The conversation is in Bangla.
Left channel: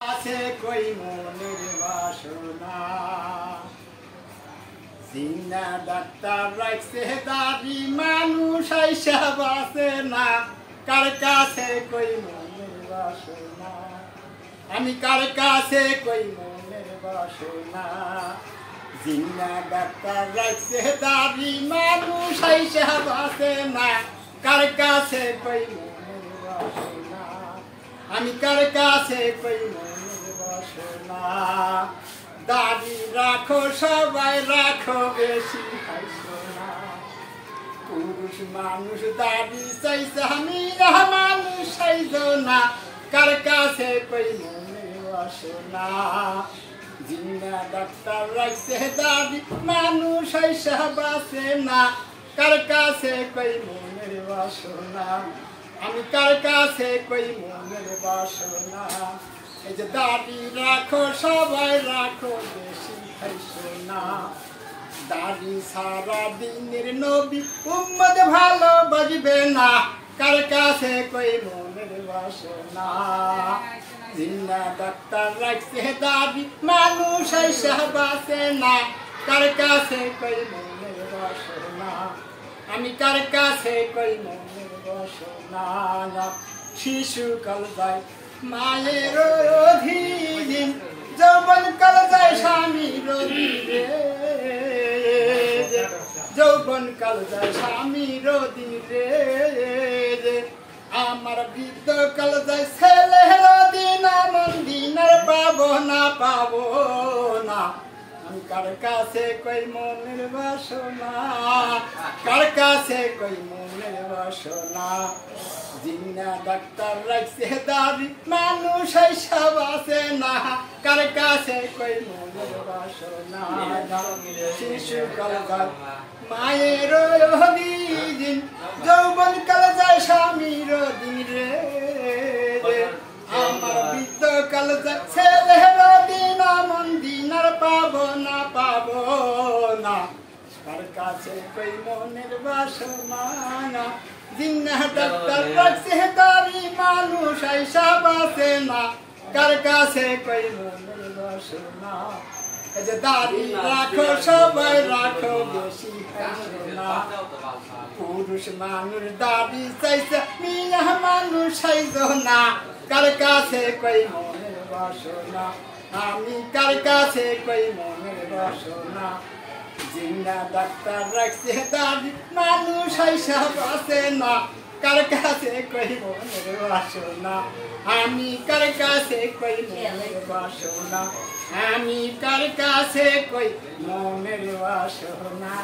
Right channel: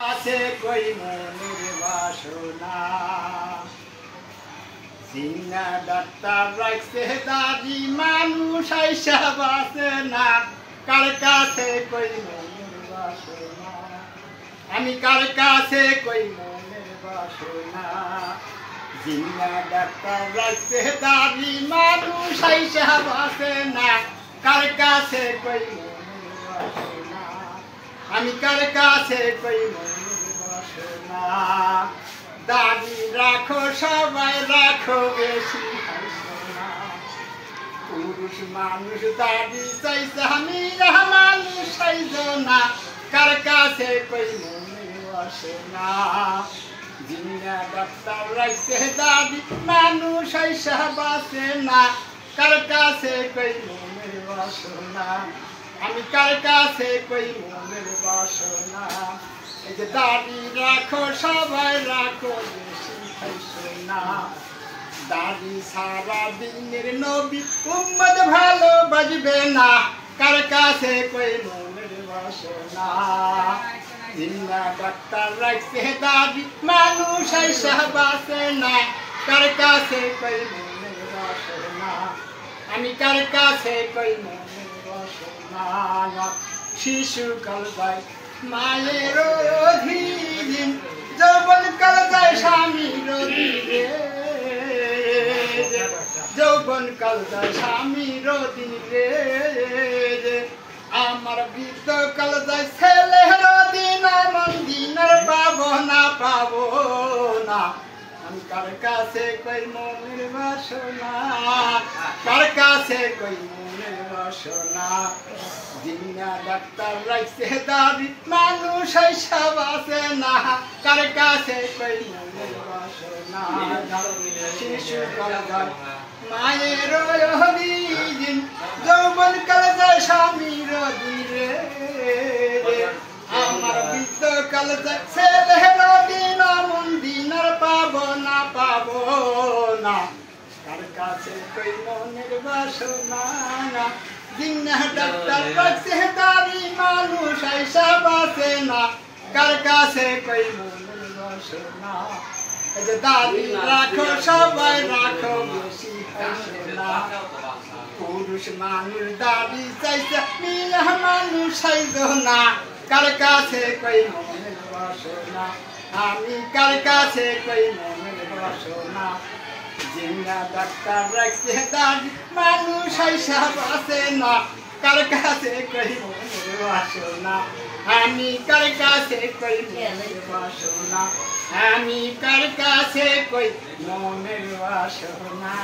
আছে কই মনের বাসনা সিনা ডাক্তার রাখছে দাদি মানুষ আইসা বাসে না কার কাছে কই মনের বাসনা আমি কার কাছে কই মনের বাসনা জিনা ডাক্তার রাখছে দাদি মানুষ আইসা বাসে না কার কাছে কই মনের বাসনা আমি কার কাছে কই মনের বাসনা দাবি রাখো সবাই রাখো বেশি হাসনা পুরুষ মানুষ দাবি চাইছে আমি মানুষ চাইছ না কার কাছে কই মনের বাসনা জিনা ডাক্তার রাখছে দাবি মানুষ আইসা বাসে না কার কাছে কই মনের বাসনা আমি কার কাছে কই মনের বাসনা এই যে দাড়ি রাখো সবাই রাখো বেশি খাইছো না দাড়ি সারা দিনের নবী উম্মত ভালো বাজবে না কার কাছে কই মনের বাসনা জিন্না ডাক্তার রাখছে দাড়ি মানুষ আইসা বাসে না কার কাছে কই মনের বাসনা আমি কার কাছে কই মনের বাসনা শিশুকাল যায় মায়ের অধীন যৌবন কাল যায় স্বামীর অধীনে যৌবন কাল যায় স্বামীর অধীনে আমার বৃদ্ধ কাল যায় ছেলের অধীন আমার দিন আর পাবো না আমি কার কাছে কই মনের বাসনা কার কাছে কই মনের বাসনা জিন্না ডাক্তার রাখছে দাবি মানুষ আইসা বাসে না কার কাছে কই মনের বাসনা শিশু কাল যায় মায়ের অধীন যৌবন কাল যায় স্বামীর অধীনে আমার বৃদ্ধ কাল যায় ছেলের অধীন মন দিন আর পাবো না কার কাছে কই মনের বাসনা জিন্না ডাক্তার রাখছে দাবি মানুষ আইসা বাসে না কার কাছে কই মনের বাসনা এই যে দাবি রাখো সবাই রাখো বেশি বাসনা পুরুষ মানুষ দাবি চাইছে মিয়া মানুষ চাইছ না কার কাছে কই মনের বাসনা আমি কার কাছে কই মনের বাসনা জিন্না ডাক্তার রাখছে দাবি মানুষ আইসা বাসে না কার কাছে কই মনের বাসনা আমি কার কাছে কই মনের বাসনা আমি কার কাছে কই মনের বাসনা।